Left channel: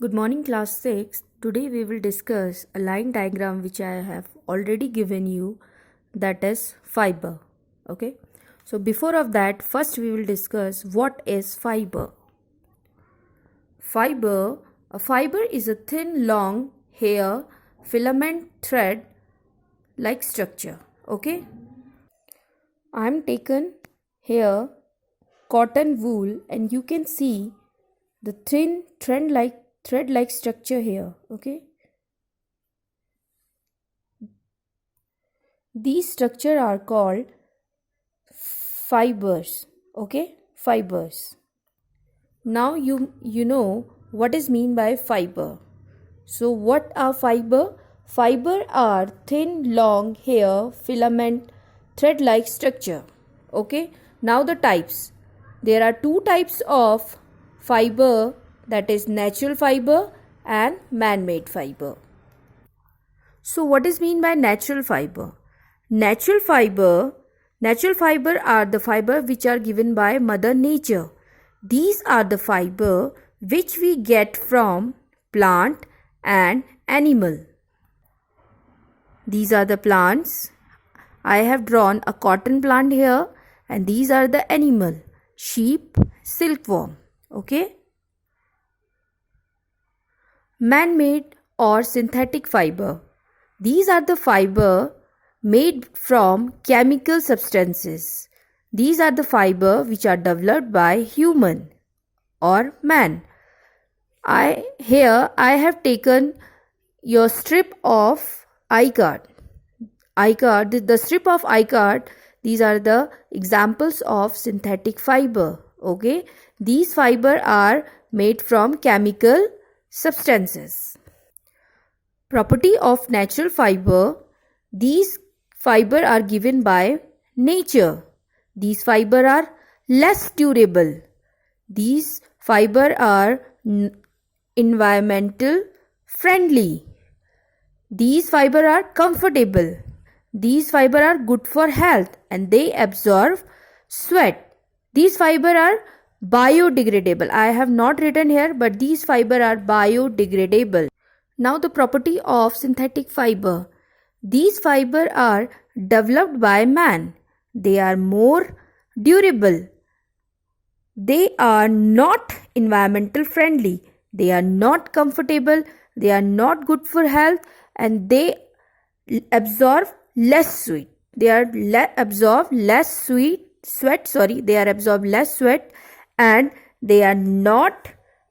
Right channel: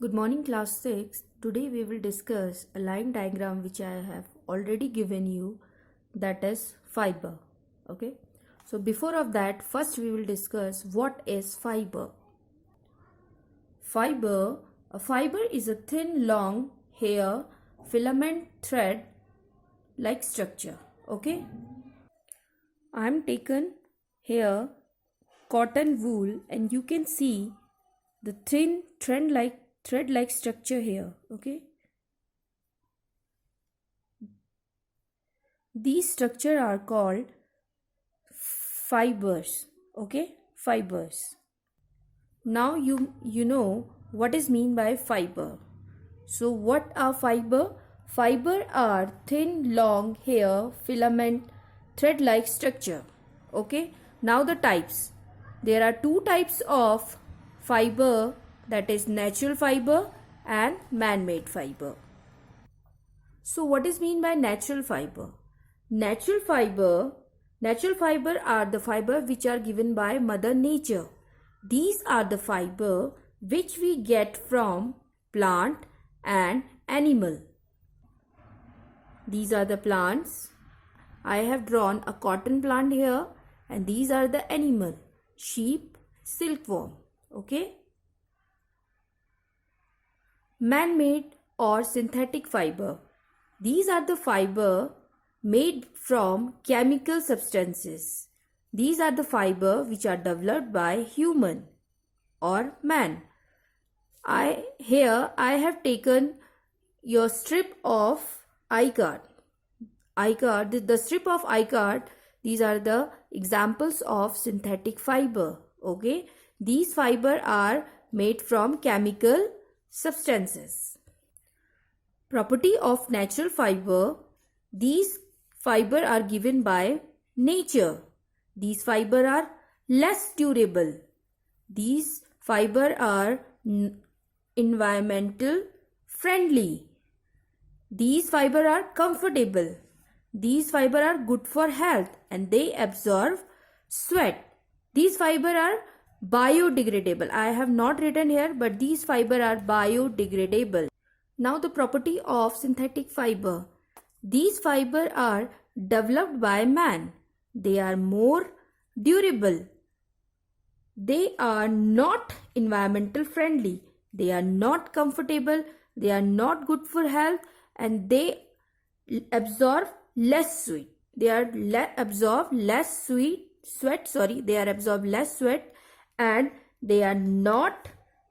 Good morning, class 6. Today we will discuss a line diagram which I have already given you, that is fiber. Okay. So before of that, first we will discuss what is fiber. A fiber is a thin, long hair, filament thread like structure. Okay. I am taken here cotton wool and you can see the thin thread like structure here. Okay. These structure are called fibers. Okay, fibers. Now you know what is mean by fiber. So what are fiber? Fiber are thin, long hair, filament, thread-like structure. Okay. Now the types. There are two types of fiber, that is natural fiber and man-made fiber. So what is mean by natural fiber? Natural fiber Natural fiber are the fiber which are given by Mother Nature. These are the fiber which we get from plant and animal. These are the plants. I have drawn a cotton plant here and these are the animal. Sheep, silkworm. Okay. Man-made or synthetic fiber. These are the fiber made from chemical substances. These are the fiber which are developed by human or man. I have taken your strip of iCard. The strip of iCard, these are the examples of synthetic fiber. Okay, these fiber are made from chemical substances. Property of natural fiber. These fiber are given by nature. These fiber are less durable. These fiber are environmental friendly. These fiber are comfortable. These fiber are good for health and they absorb sweat. These fiber are biodegradable. I have not written here, but these fiber are biodegradable. Now the property of synthetic fiber. These fiber are developed by man. They are more durable. They are not environmental friendly. They are not comfortable. They are not good for health and they absorb less sweat. They are absorb less sweat. They are absorb less sweat and they are not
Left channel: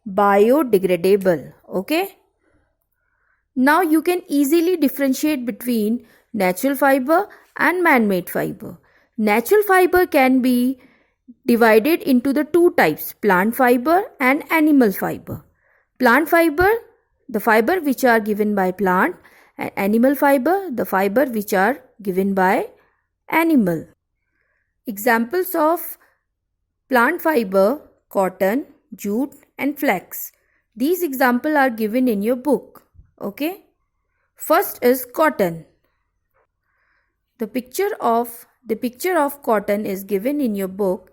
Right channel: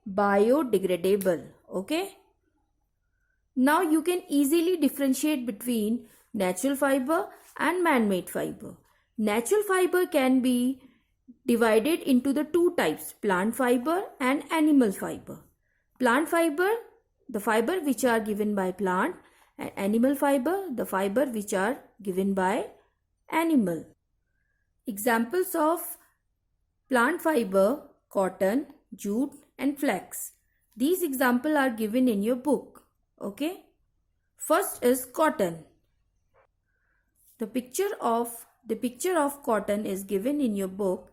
biodegradable. Okay. Now you can easily differentiate between natural fiber and man-made fiber. Natural fiber can be divided into the two types, plant fiber and animal fiber. Plant fiber, the fiber which are given by plant, and animal fiber, the fiber which are given by animal. Examples of plant fiber, cotton, jute and flax. These examples are given in your book. Okay. First is cotton. The picture of cotton is given in your book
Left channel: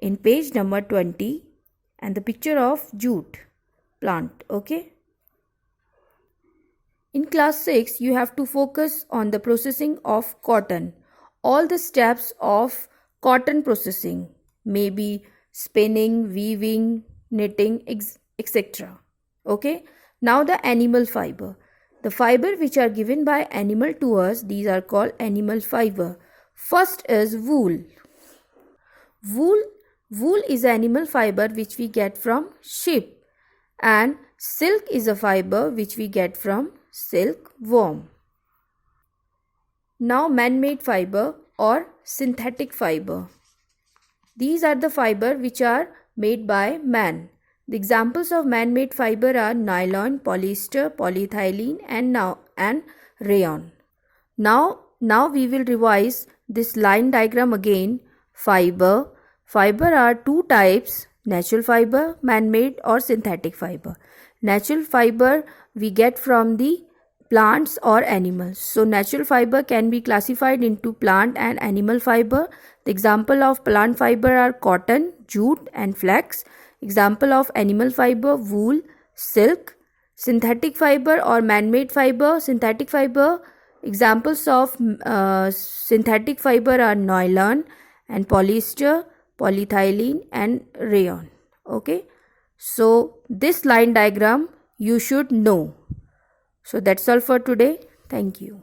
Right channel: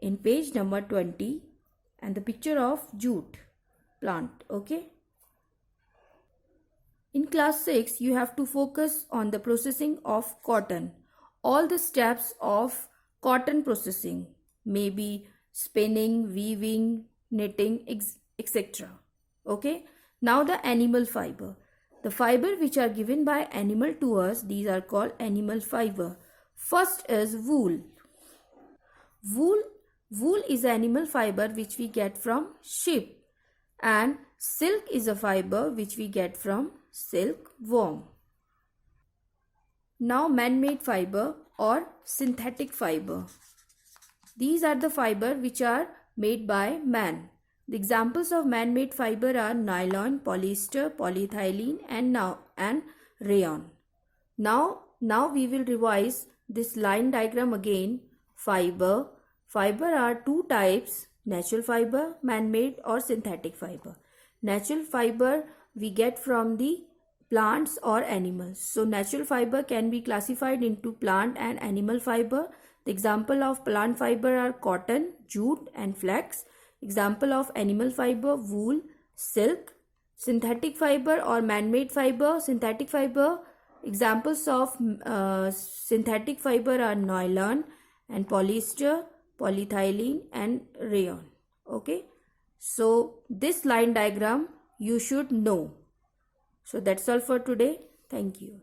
in page number 20 and the picture of jute plant. Okay. In class 6 you have to focus on the processing of cotton. All the steps of cotton processing, maybe spinning, weaving, knitting, etc. Okay. Now the animal fiber. The fiber which are given by animal to us, these are called animal fiber. First is wool. Wool is animal fiber which we get from sheep and silk is a fiber which we get from silkworm. Now man-made fiber or synthetic fiber. These are the fiber which are made by man. The examples of man-made fiber are nylon, polyester, polyethylene and rayon. Now we will revise this line diagram again. Fiber are two types, natural fiber, man-made or synthetic fiber. Natural fiber we get from the plants or animals. So natural fiber can be classified into plant and animal fiber. The example of plant fiber are cotton, jute and flax. Example of animal fiber, wool, silk. Synthetic fiber or man-made fiber. Synthetic fiber, examples of synthetic fiber are nylon and polyester, polyethylene and rayon. Okay, so this line diagram you should know. So that's all for today. Thank you.